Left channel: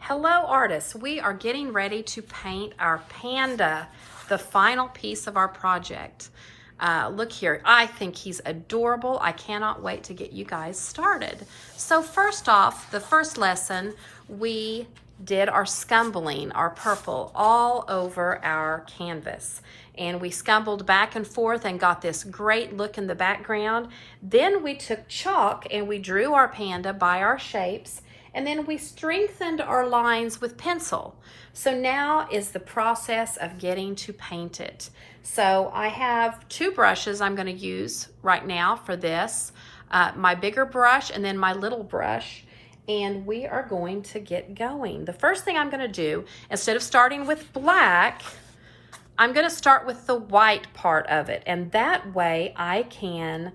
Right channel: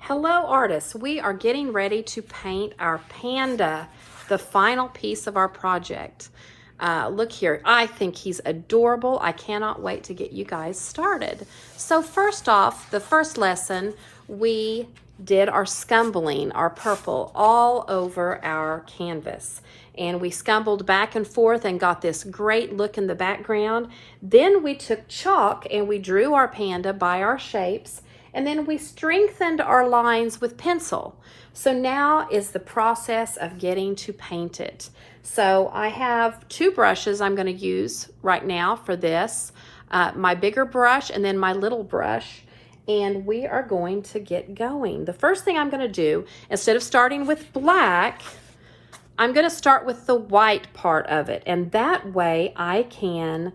Hello artists, we are getting ready to paint our panda, the final piece of our project. Look here, I think he's adorable. I cannot wait to get you guys started. So first off, the first lesson, we did our scumbling, our purple, all over our canvas. And we scumbled back and forth and got this great look in the background. Then we took chalk and we drew our panda by our shapes. And then we strengthened our lines with pencil. So now is the process of getting to paint it. So I have two brushes I'm going to use right now for this. My bigger brush and then my little brush. And we are going to get going. The first thing I'm going to do, instead of starting with black, I'm going to start with the white part of it. And that way I can...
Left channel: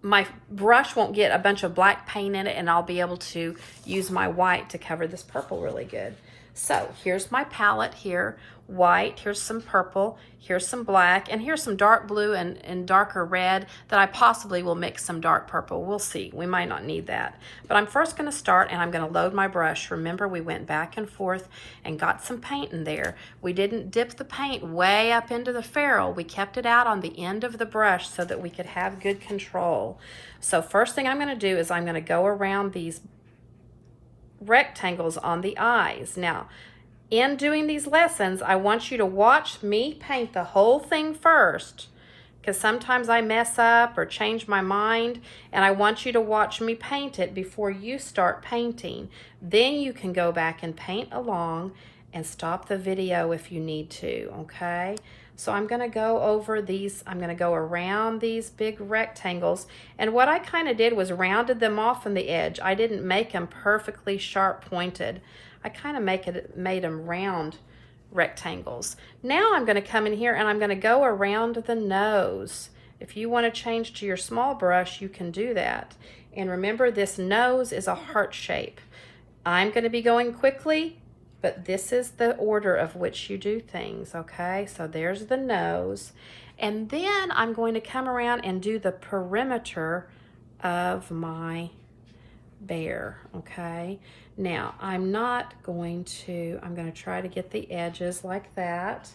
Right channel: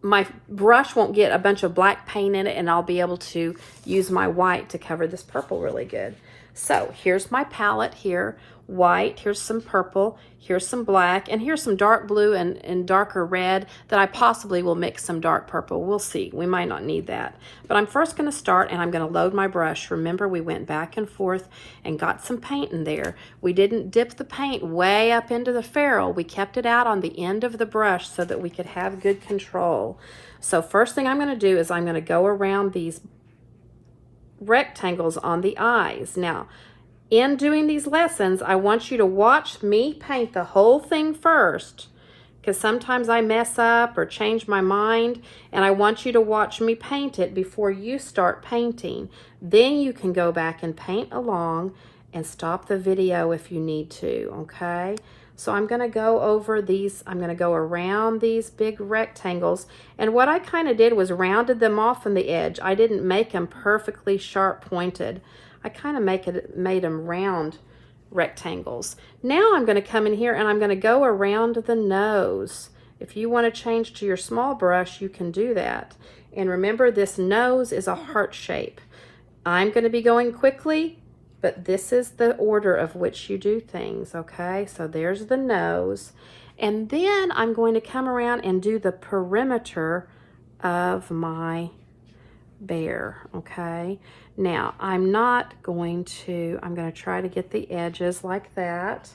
my brush won't get a bunch of black paint in it, and I'll be able to use my white to cover this purple really good. So here's my palette here, white, here's some purple, here's some black, and here's some dark blue and darker red that I possibly will mix some dark purple. We'll see, we might not need that. But I'm first gonna start and I'm gonna load my brush. Remember, we went back and forth and got some paint in there. We didn't dip the paint way up into the ferrule. We kept it out on the end of the brush so that we could have good control. So first thing I'm gonna do is I'm gonna go around these rectangles on the eyes. Now, in doing these lessons, I want you to watch me paint the whole thing first, because sometimes I mess up or change my mind, and I want you to watch me paint it before you start painting. Then you can go back and paint along and stop the video if you need to, okay? So I'm gonna go over these, I'm gonna go around these big rectangles, and what I kind of did was rounded them off from the edge. I didn't make them perfectly sharp pointed. I kind of made them round rectangles. Now I'm going to come in here and I'm going to go around the nose. If you want to change to your small brush, you can do that. And remember, this nose is a heart shape. I'm going to be going quickly, but this is the order of which you do things, okay? So there's the nose. And then I'm going to come around and do the perimeter of my bear, okay? Now, I'm going to try to get the edges like that,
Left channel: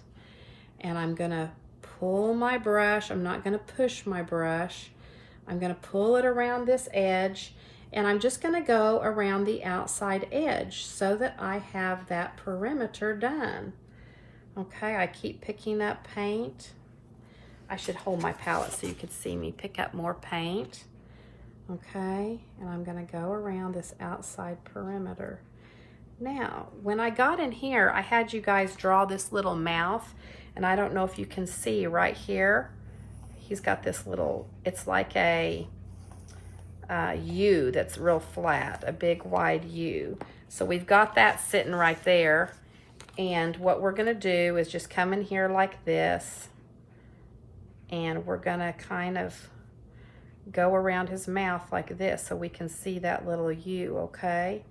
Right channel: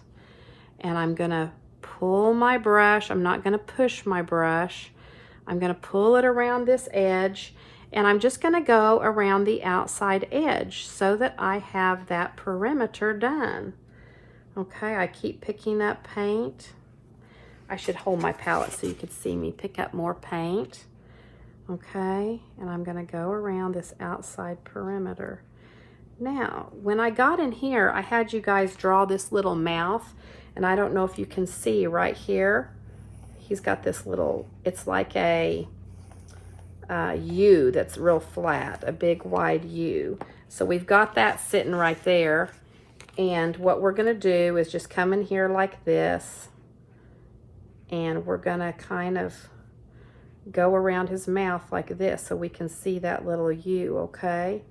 and I'm gonna pull my brush. I'm not gonna push my brush. I'm gonna pull it around this edge, and I'm just gonna go around the outside edge so that I have that perimeter done. Okay, I keep picking up paint. I should hold my palette so you could see me pick up more paint. Okay, and I'm going to go around this outside perimeter. Now, when I got in here, I had you guys draw this little mouth, and I don't know if you can see right here. He's got this little, it's like a U that's real flat, a big wide U. So we've got that sitting right there, and what we're going to do is just come in here like this, and we're going to kind of go around his mouth like this so we can see that little U, okay?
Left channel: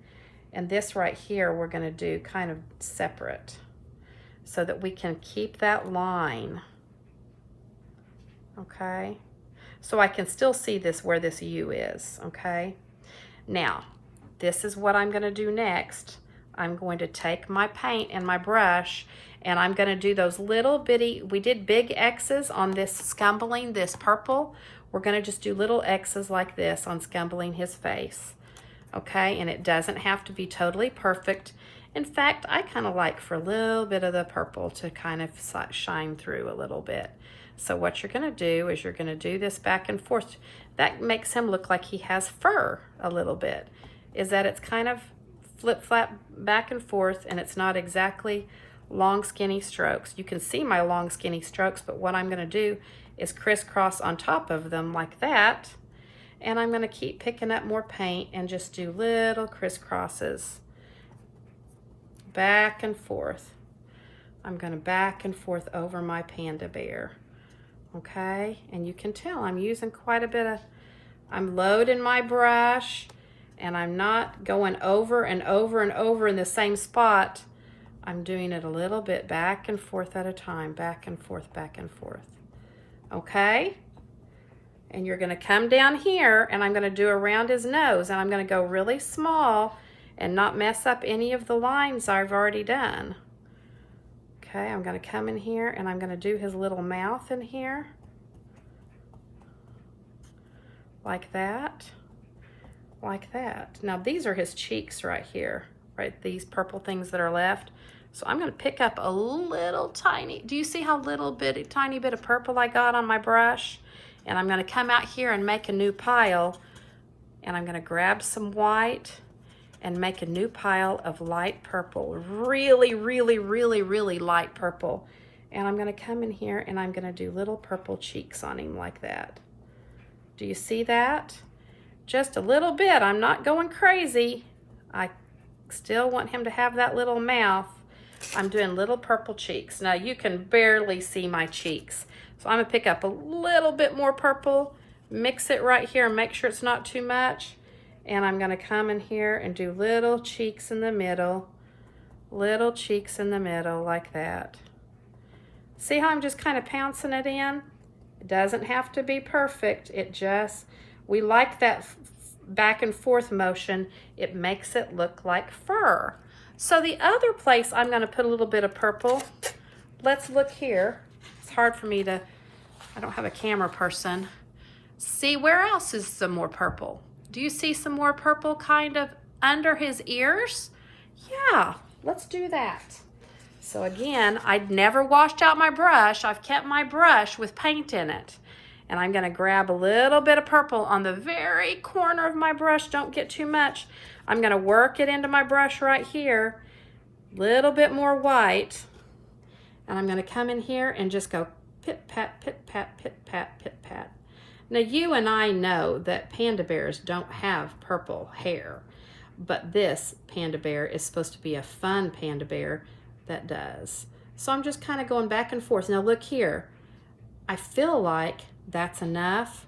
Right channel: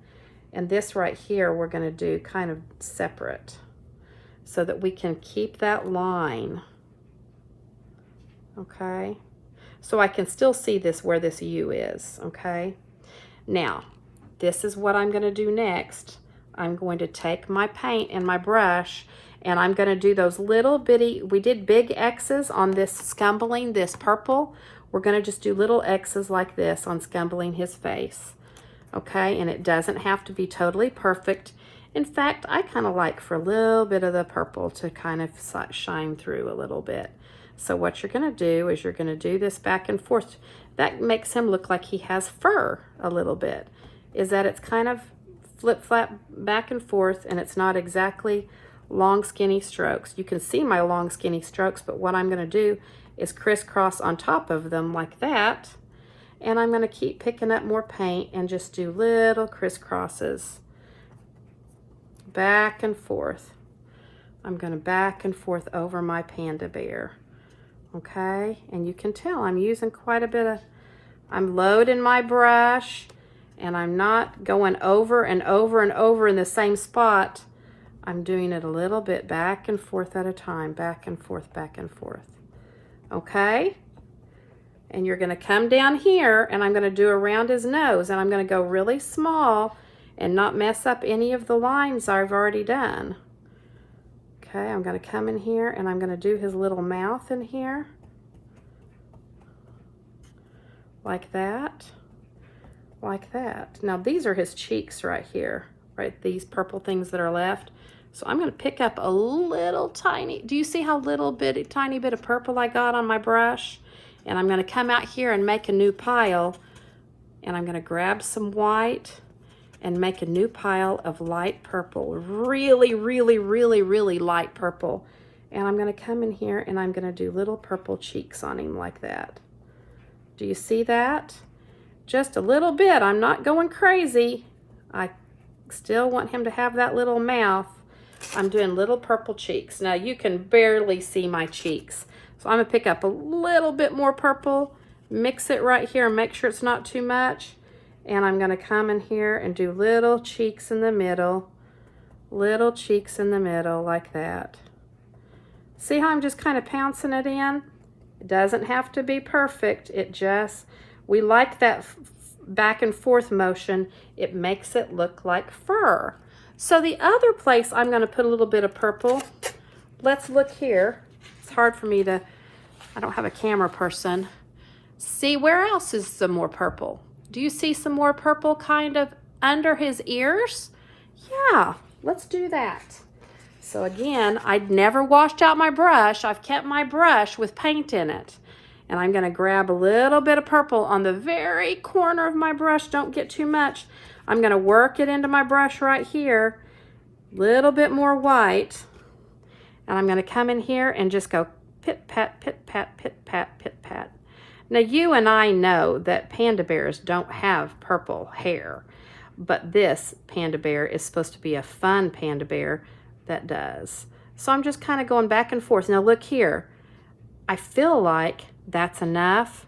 And this right here we're going to do kind of separate so that we can keep that line, okay? So I can still see this where this U is, okay? Now, this is what I'm going to do next. I'm going to take my paint and my brush, and I'm going to do those little bitty, we did big X's on this scumbling, this purple. We're going to just do little X's like this on scumbling his face, okay? And it doesn't have to be totally perfect. In fact, I kind of like for a little bit of the purple to kind of shine through a little bit. So what you're going to do is you're going to do this back and forth. That makes him look like he has fur a little bit, is that it's kind of flip-flap back and forth, and it's not exactly long, skinny strokes. You can see my long, skinny strokes, but what I'm going to do is crisscross on top of them like that, and I'm going to keep picking up more paint and just do little crisscrosses back and forth. I'm going to back and forth over my panda bear, okay? And you can tell I'm using quite a bit of, I'm loading my brush, and I'm not going over and over and over in the same spot. I'm doing it a little bit back and forth at a time, back and forth, back and forth. Okay? And you're going to come down here, and I'm going to do around his nose, and I'm going to go really small and not mess up any of the lines I've already done. Okay, I'm going to come in here, and I'm going to do his little mouth in here. Like that. Like that. Now these are his cheeks right here, right? These purple things that are left. So I'm going to pick up a little tiny, do you see how tiny bit of purple I got on my brush? And I'm going to come out here and make a new pile, and I'm going to grab some white and make a new pile of light purple, really, really, really, really light purple. And I'm going to come in here and I'm going to do little purple cheeks on him like that. Do you see that? Just a little bit. I'm not going crazy. I still want him to have that little mouth. I'm doing little purple cheeks. Now you can barely see my cheeks. So I'm going to pick up a little bit more purple, mix it right here, make sure it's not too much. And I'm going to come in here and do little cheeks in the middle, little cheeks in the middle like that. See how I'm just kind of pouncing it in? It doesn't have to be perfect. We like that back and forth motion. It makes it look like fur. So the other place I'm going to put a little bit of purple, let's look here. It's hard for me to, I don't have a camera person. See, where else is some more purple? Do you see some more purple kind of under his ears? Yeah, let's do that. So again, I'd never washed out my brush. I've kept my brush with paint in it. And I'm going to grab a little bit of purple on the very corner of my brush. Don't get too much. I'm going to work it into my brush right here. Little bit more white. And I'm going to come in here and just go pit, pat, pit, pat, pit, pat, pit, pat. Now you and I know that panda bears don't have purple hair, but this panda bear is supposed to be a fun panda bear that does. So I'm just kind of going back and forth. Now look here. I feel like that's enough.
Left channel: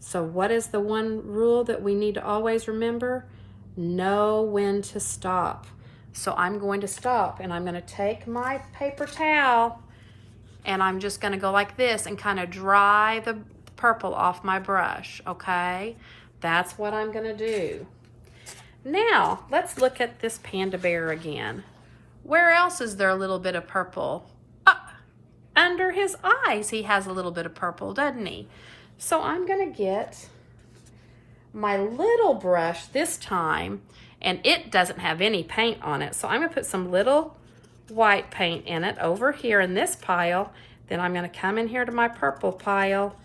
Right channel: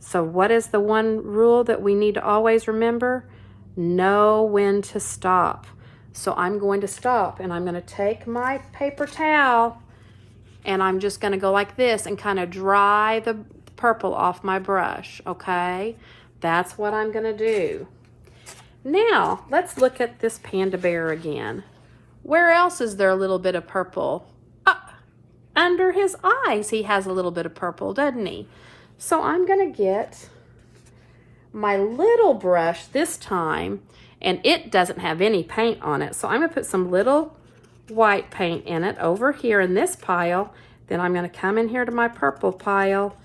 So what is the one rule that we need to always remember? Know when to stop. So I'm going to stop, and I'm going to take my paper towel, and I'm just going to go like this and kind of dry the purple off my brush, okay? That's what I'm going to do. Now, let's look at this panda bear again. Where else is there a little bit of purple? Under his eyes, he has a little bit of purple, doesn't he? So I'm going to get my little brush this time, and it doesn't have any paint on it. So I'm going to put some little white paint in it over here in this pile. Then I'm going to come in here to my purple pile,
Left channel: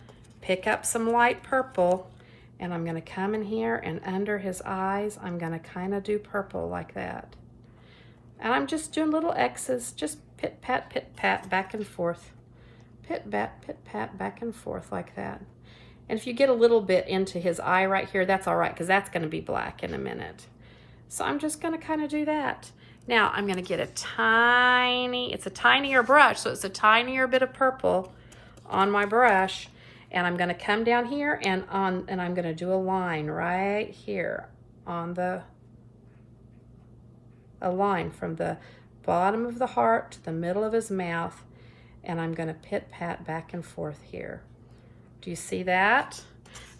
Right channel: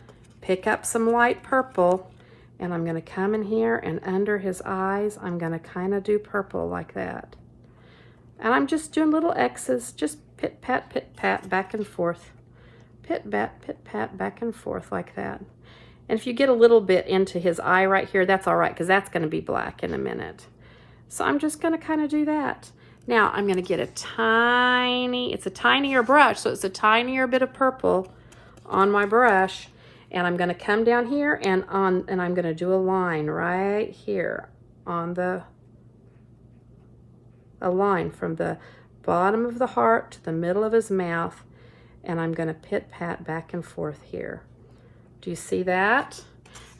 pick up some light purple, and I'm going to come in here, and under his eyes, I'm going to kind of do purple like that. And I'm just doing little X's, just pit, pat, back and forth. Pit, pat, back and forth like that. And if you get a little bit into his eye right here, that's all right, because that's going to be black in a minute. So I'm just going to kind of do that. Now I'm going to get it's a tinier brush, so it's a tinier bit of purple on my brush. And I'm going to come down here and I'm going to do a line right here on a line from the bottom of the heart to the middle of his mouth. And I'm going to pit pat back and forth here. Do you see that?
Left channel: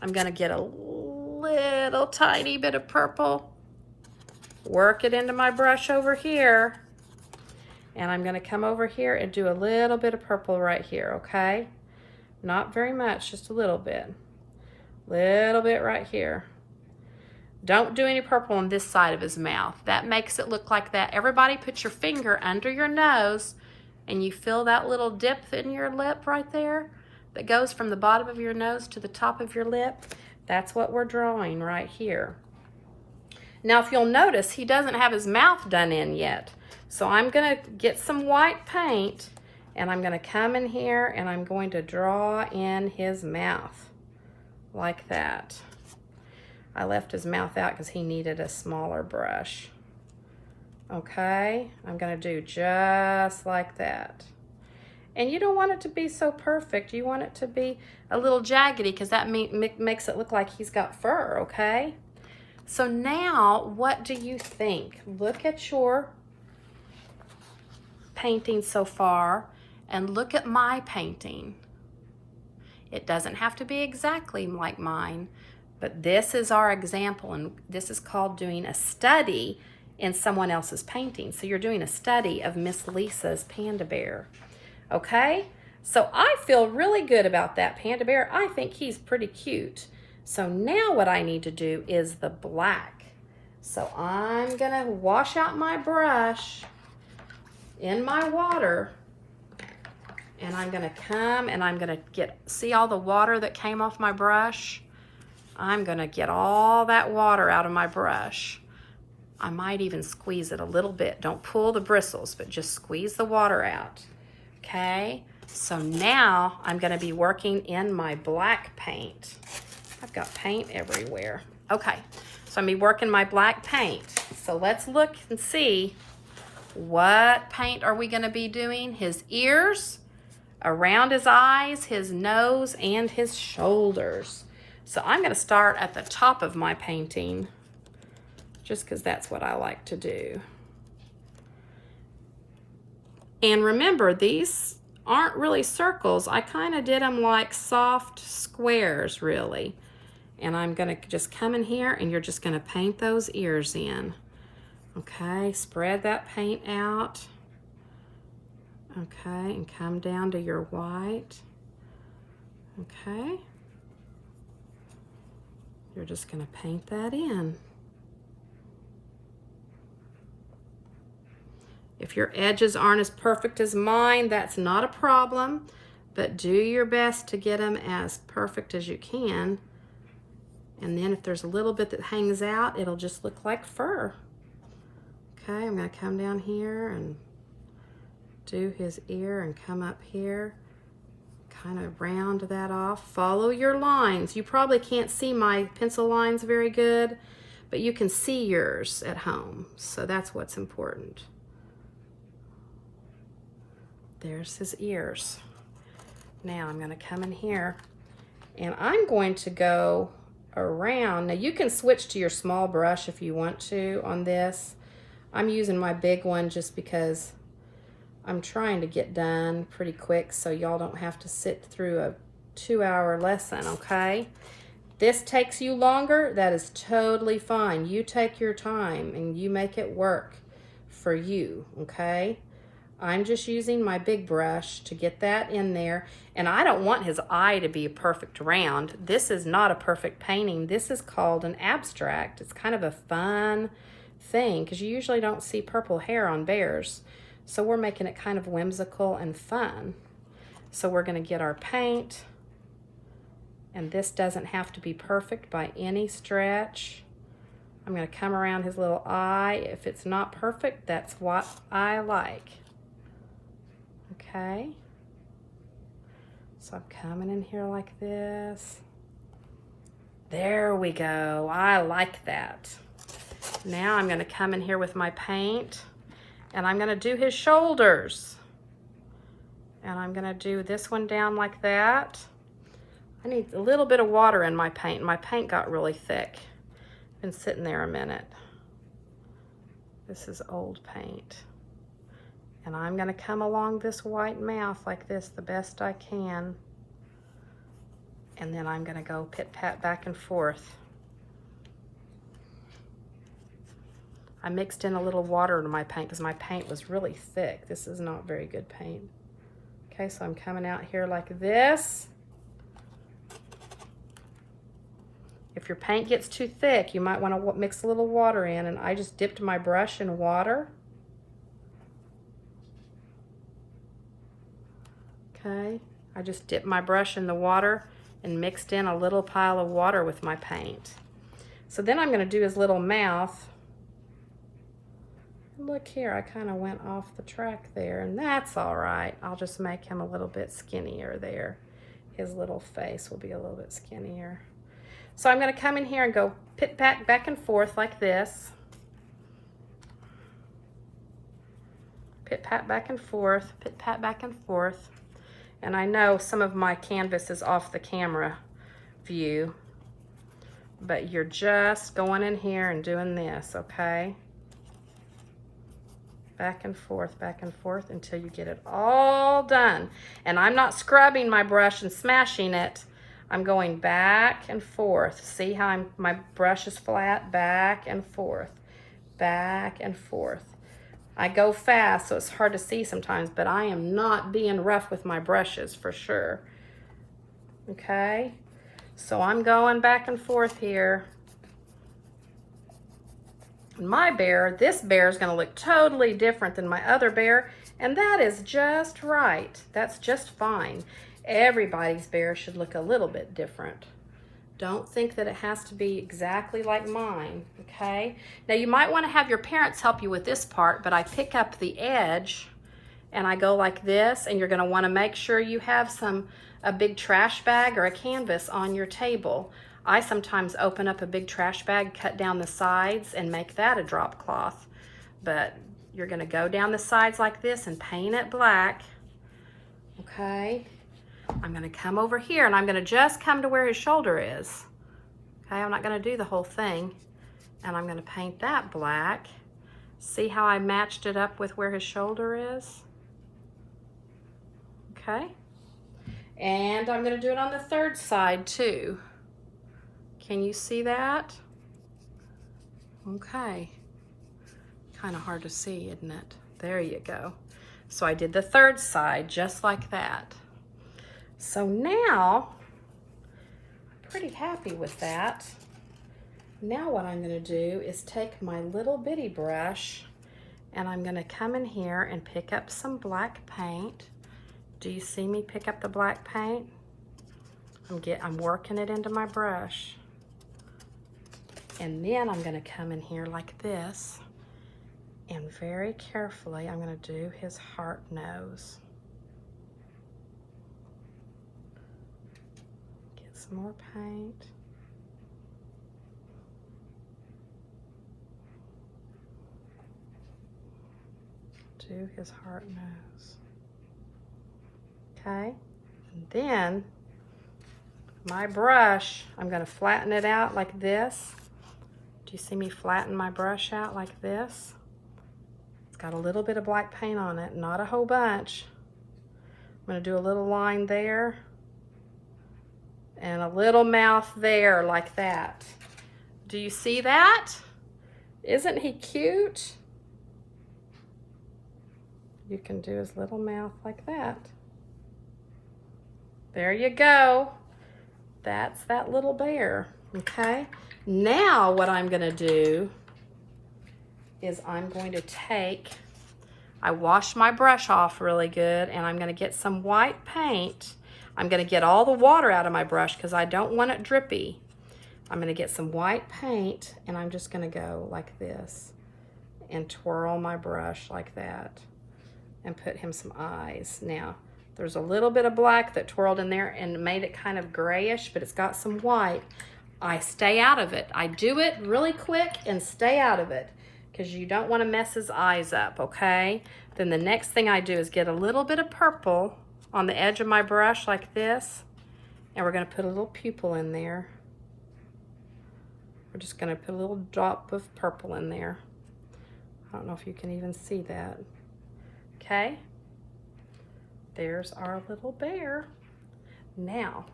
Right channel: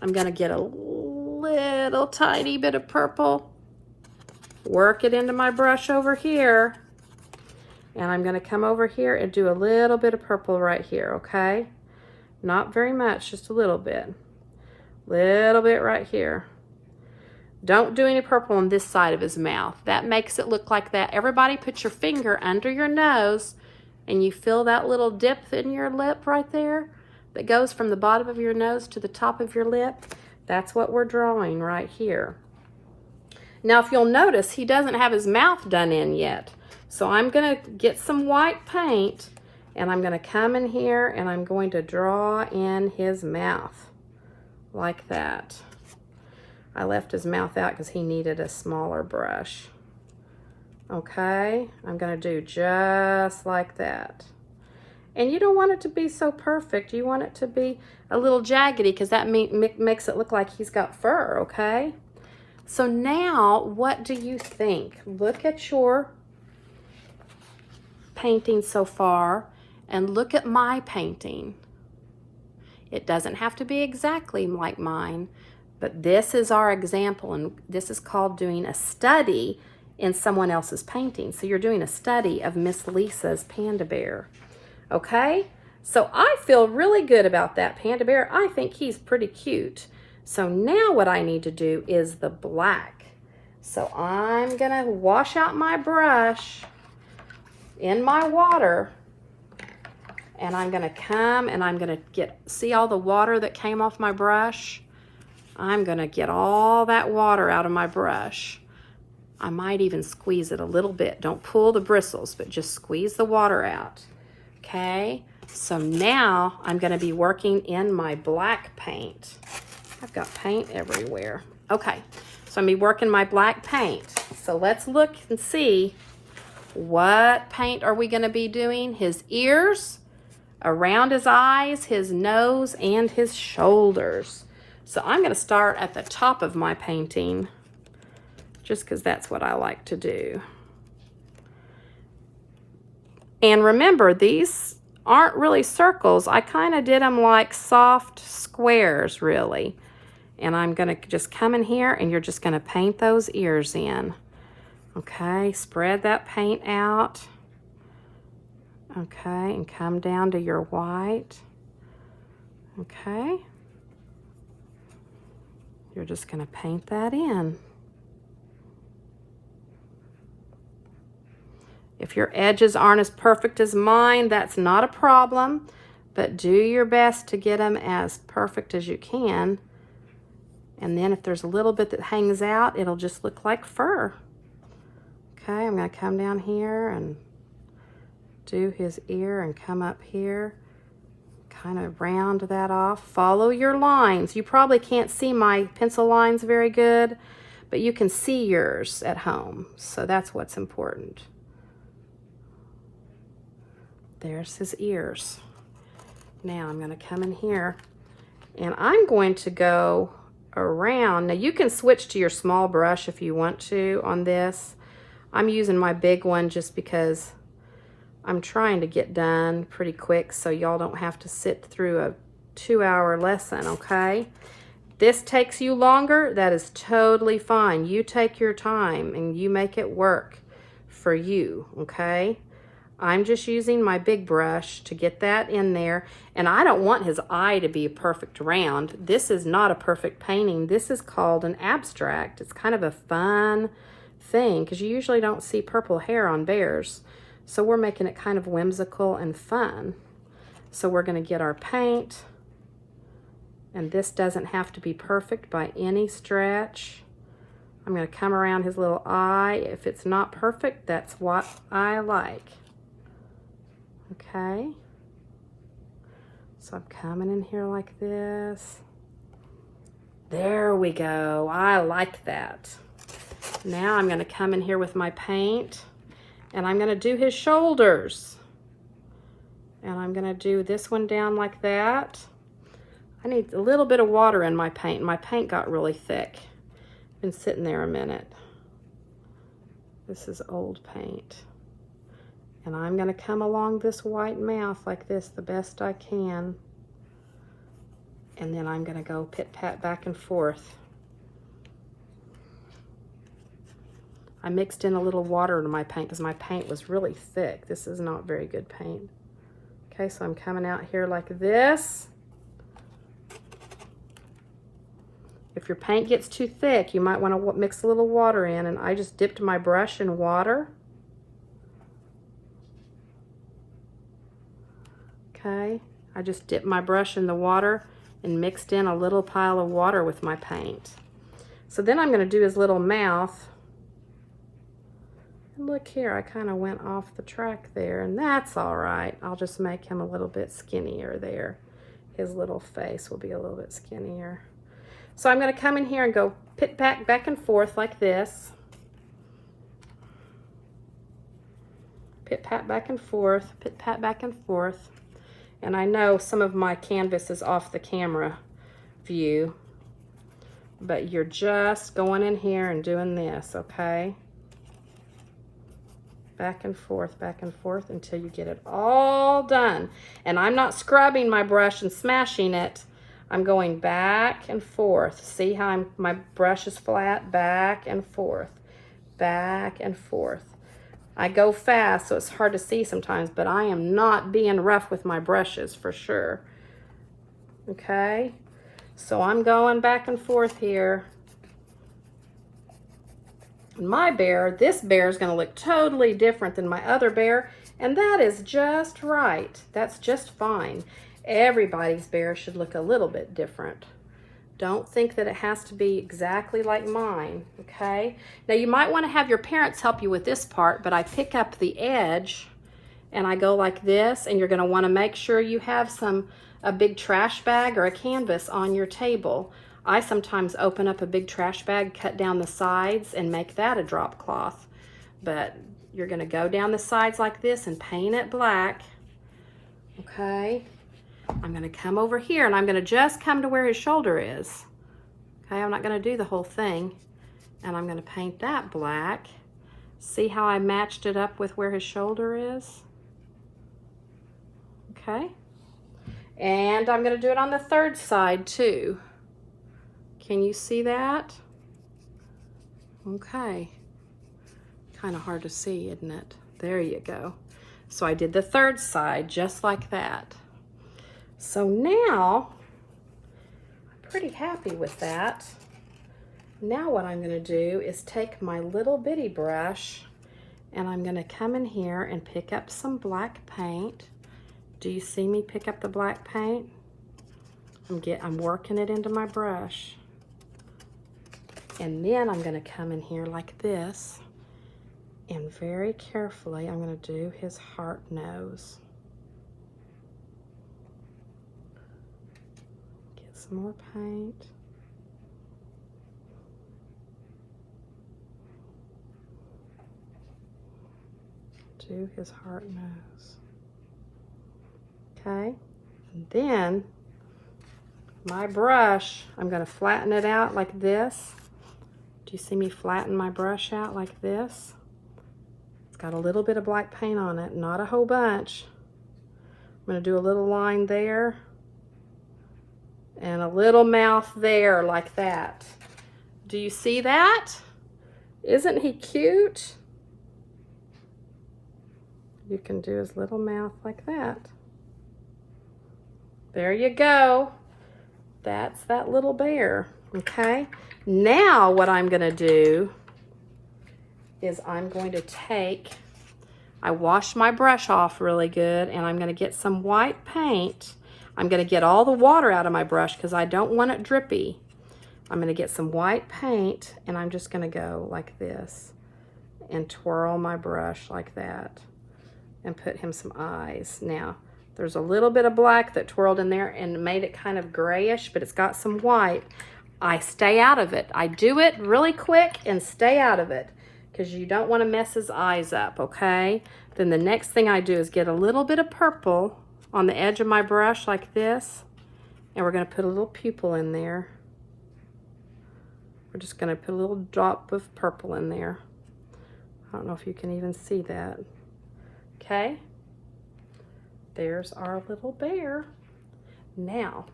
I'm going to get a little tiny bit of purple, work it into my brush over here, and I'm going to come over here and do a little bit of purple right here, okay? Not very much, just a little bit. Little bit right here. Don't do any purple on this side of his mouth. That makes it look like that. Everybody put your finger under your nose, and you feel that little dip in your lip right there that goes from the bottom of your nose to the top of your lip. That's what we're drawing right here. Now, if you'll notice, he doesn't have his mouth done in yet. So I'm going to get some white paint, and I'm going to come in here, and I'm going to draw in his mouth like that. I left his mouth out because he needed a smaller brush. Okay, I'm going to do just like that. And you don't want it to be so perfect. You want it to be a little jaggedy, because that makes it look like he's got fur, okay? So now, what do you think? Look at your painting so far, and look at my painting. It doesn't have to be exactly like mine, but this is our example, and this is called doing a study in someone else's painting. So you're doing a study of Miss Lisa's panda bear, okay? So I feel really good about that panda bear. I think he's pretty cute. So now what I need to do is the black. So I'm gonna wash out my brush in my water, and I'm gonna come and I'm gonna see all the water that came off my brush? I'm gonna get all that water out of my brush. I might even squeeze it a little bit. Don't pull the bristles, but just squeeze the water out, okay? So now I'm gonna be working in my black paint. I've got paint everywhere. Okay, so I'm gonna be working my black paint. So let's look and see, what paint are we gonna be doing? His ears, around his eyes, his nose, and his shoulders. So I'm gonna start at the top of my painting, just because that's what I like to do. And remember, these aren't really circles. I kind of did them like soft squares, really. And I'm gonna just come in here and you're just gonna paint those ears in. Okay, spread that paint out. Okay, and come down to your white. Okay. You're just gonna paint that in. If your edges aren't as perfect as mine, that's not a problem, but do your best to get them as perfect as you can. And then if there's a little bit that hangs out, it'll just look like fur. Okay, I'm gonna come down here and do his ear and come up here, kind of round that off. Follow your lines. You probably can't see my pencil lines very good, but you can see yours at home, so that's what's important. There's his ears. Now I'm gonna come in here and I'm going to go around. Now you can switch to your small brush if you want to on this. I'm using my big one just because I'm trying to get done pretty quick so y'all don't have to sit through a 2-hour lesson, okay? This takes you longer, that is totally fine. You take your time and you make it work for you, okay? I'm just using my big brush to get that in there. And I don't want his eye to be a perfect round. This is not a perfect painting. This is called an abstract. It's kind of a fun thing because you usually don't see purple hair on bears. So we're making it kind of whimsical and fun. So we're gonna get our paint, and this doesn't have to be perfect by any stretch. I'm gonna come around his little eye. If it's not perfect, that's what I like. Okay. So I'm coming in here like this. There we go. I like that. Now I'm gonna come in here with my paint and I'm gonna do his shoulders. And I'm gonna do this one down like that. I need a little bit of water in my paint. My paint got really thick. Been sitting there a minute. This is old paint. And I'm gonna come along this white mouth like this the best I can. And then I'm gonna go pit-pat back and forth. I mixed in a little water to my paint because my paint was really thick. This is not very good paint. Okay, so I'm coming out here like this. If your paint gets too thick, you might want to mix a little water in, and I just dipped my brush in water. Okay, I just dipped my brush in the water and mixed in a little pile of water with my paint. So then I'm going to do his little mouth. Look here, I kind of went off the track there, and that's all right. I'll just make him a little bit skinnier there. His little face will be a little bit skinnier. So I'm going to come in here and go pit-pat back and forth like this. Pit-pat back and forth, pit-pat back and forth. And I know some of my canvas is off the camera view, but you're just going in here and doing this, okay? back and forth until you get it all done. And I'm not scrubbing my brush and smashing it. I'm going back and forth. See how my brush is flat? Back and forth, back and forth. I go fast, so it's hard to see sometimes, but I am not being rough with my brushes for sure. Okay, so I'm going back and forth here. My bear, this bear is going to look totally different than my other bear, and that is just right. That's just fine. Everybody's bear should look a little bit different. Don't think that it has to be exactly like mine, okay? Now you might want to have your parents help you with this part, but I pick up the edge and I go like this, and you're going to want to make sure you have a big trash bag or a canvas on your table. I sometimes open up a big trash bag, cut down the sides, and make that a drop cloth. But you're going to go down the sides like this and paint it black, okay? I'm going to come over here, and I'm going to just come to where his shoulder is. Okay, I'm not going to do the whole thing. And I'm going to paint that black. See how I matched it up with where his shoulder is? Okay. And I'm going to do it on the third side too. Can you see that? Okay. Kind of hard to see, isn't it? There you go. So I did the third side just like that. So now, I'm pretty happy with that. Now what I'm going to do is take my little bitty brush, and I'm going to come in here and pick up some black paint. Do you see me pick up the black paint? I'm working it into my brush. And then I'm going to come in here like this, and very carefully I'm going to do his heart nose. Some more paint. Do his heart nose. Okay, and then my brush, I'm going to flatten it out like this. Do you see me flatten my brush out like this? It's got a little bit of black paint on it, not a whole bunch. I'm going to do a little line there. And a little mouth there like that. Do you see that? Isn't he cute? You can do his little mouth like that. There you go. That's that little bear, okay? Now what I'm gonna do is I'm going to I washed my brush off really good, and I'm gonna get some white paint. I'm going to get all the water out of my brush because I don't want it drippy. I'm going to get some white paint, and I'm just going to go like this and twirl my brush like that and put him some eyes. Now, there's a little bit of black that twirled in there and made it kind of grayish, but it's got some white. I stay out of it. I do it really quick and stay out of it because you don't want to mess his eyes up, okay? Then the next thing I do is get a little bit of purple on the edge of my brush like this, and we're going to put a little pupil in there. We're just going to put a little drop of purple in there. I don't know if you can even see that. Okay, there's our little bear. Now,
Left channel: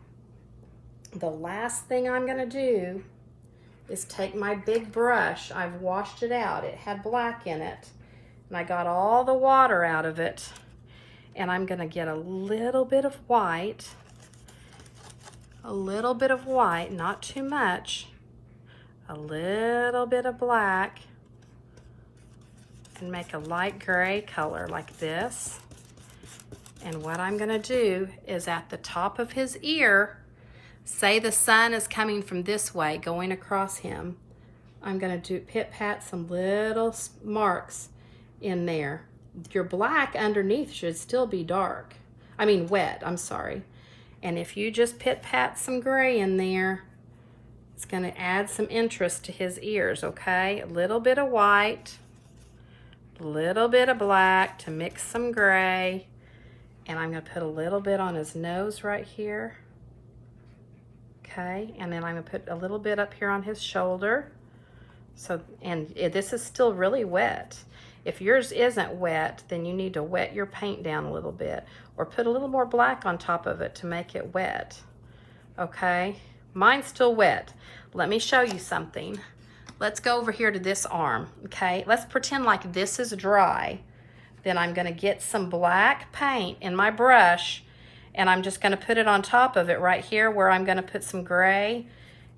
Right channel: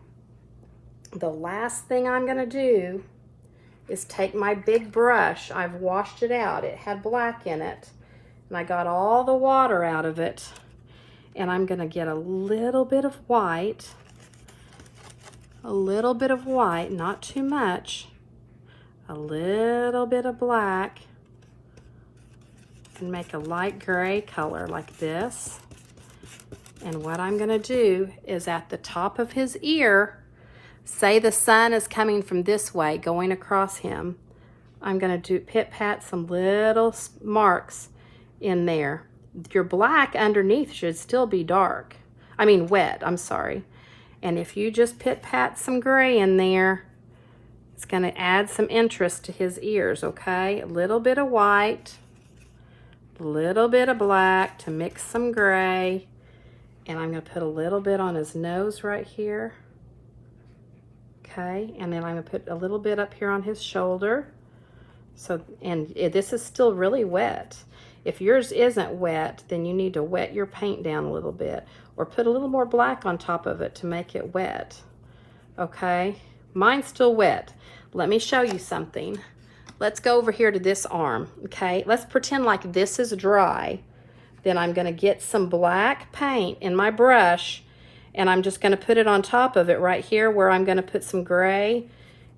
the last thing I'm going to do is take my big brush. I've washed it out. It had black in it, and I got all the water out of it. And I'm going to get a little bit of white, not too much, a little bit of black, and make a light gray color like this. And what I'm going to do is at the top of his ear, say the sun is coming from this way, going across him. I'm going to pit-pat some little marks in there. Your black underneath should still be dark. I mean wet, I'm sorry. And if you just pit-pat some gray in there, it's going to add some interest to his ears, okay? A little bit of white, a little bit of black to mix some gray. And I'm going to put a little bit on his nose right here. Okay, and then I'm going to put a little bit up here on his shoulder. So, and this is still really wet. If yours isn't wet, then you need to wet your paint down a little bit or put a little more black on top of it to make it wet. Okay, mine's still wet. Let me show you something. Let's go over here to this arm, okay? Let's pretend like this is dry. Then I'm gonna get some black paint in my brush and I'm just gonna put it on top of it right here where I'm gonna put some gray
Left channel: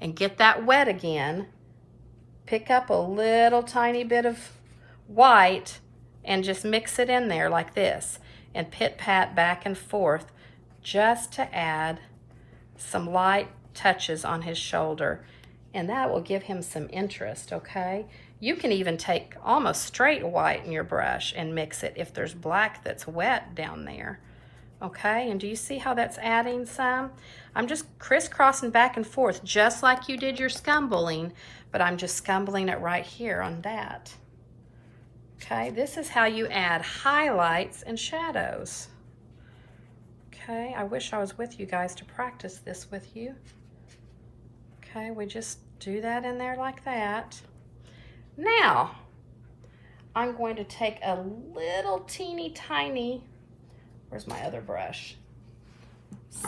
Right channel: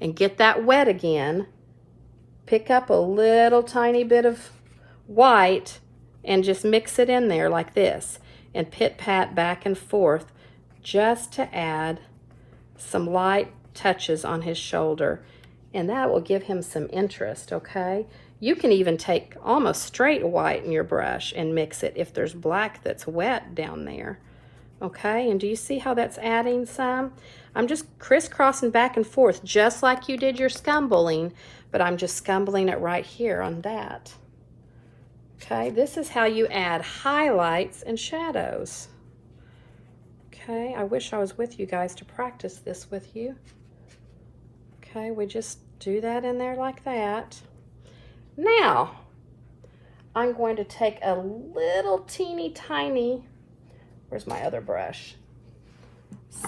and get that wet again. Pick up a little tiny bit of white and just mix it in there like this and pit-pat back and forth just to add some light touches on his shoulder, and that will give him some interest, okay? You can even take almost straight white in your brush and mix it if there's black that's wet down there, okay? And do you see how that's adding some? I'm just crisscrossing back and forth just like you did your scumbling, but I'm just scumbling it right here on that. Okay, this is how you add highlights and shadows. Okay, I wish I was with you guys to practice this with you. Okay, we just do that in there like that. Now, I'm going to take a little teeny tiny, where's my other brush?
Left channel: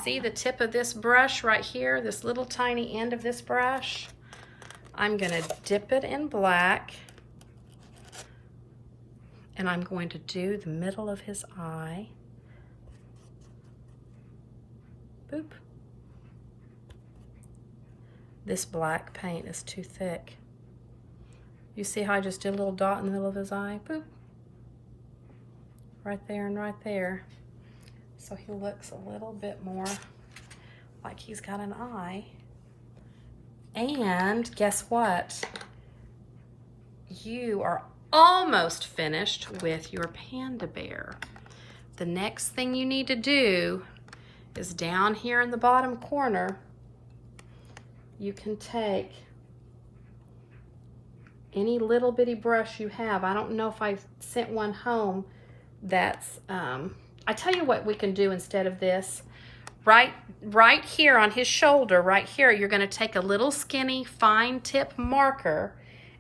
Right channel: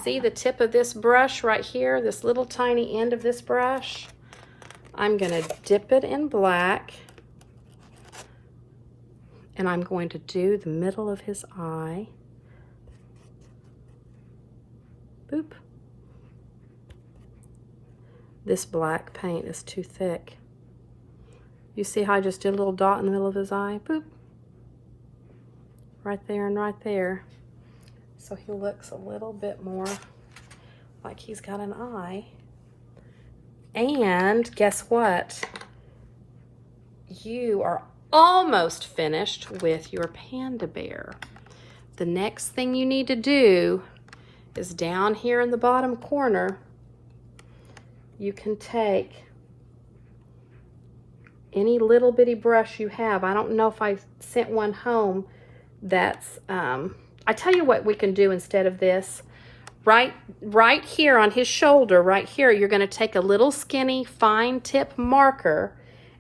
See the tip of this brush right here, this little tiny end of this brush? I'm gonna dip it in black and I'm going to do the middle of his eye. Boop. This black paint is too thick. You see how I just did a little dot in the middle of his eye? Boop. Right there and right there. So he looks a little bit more like he's got an eye. And guess what? You are almost finished with your panda bear. The next thing you need to do is down here in the bottom corner, you can take any little bitty brush you have. I don't know if I sent one home that's, I tell you what we can do instead of this. Right here on his shoulder, right here, you're gonna take a little skinny fine tip marker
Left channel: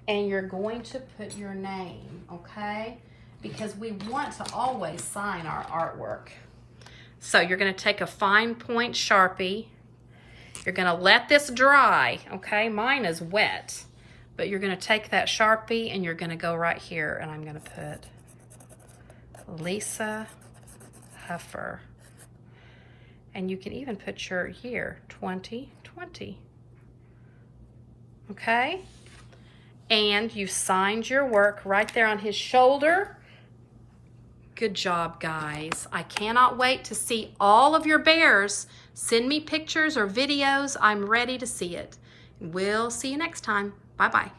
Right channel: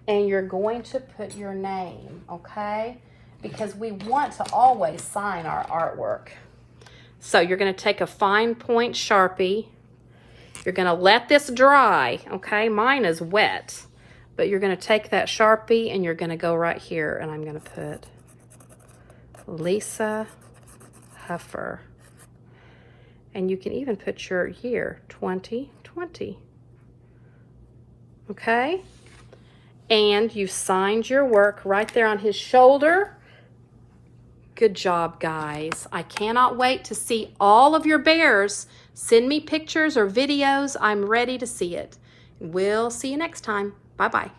and you're going to put your name, okay? Because we want to always sign our artwork. So you're gonna take a fine point Sharpie. You're gonna let this dry, okay? Mine is wet, but you're gonna take that Sharpie and you're gonna go right here and I'm gonna put Lisa Huffer. And you can even put your year, 2020, okay? And you signed your work right there on his shoulder. Good job, guys. I cannot wait to see all of your bears. Send me pictures or videos. I'm ready to see it. We'll see you next time. Bye-bye.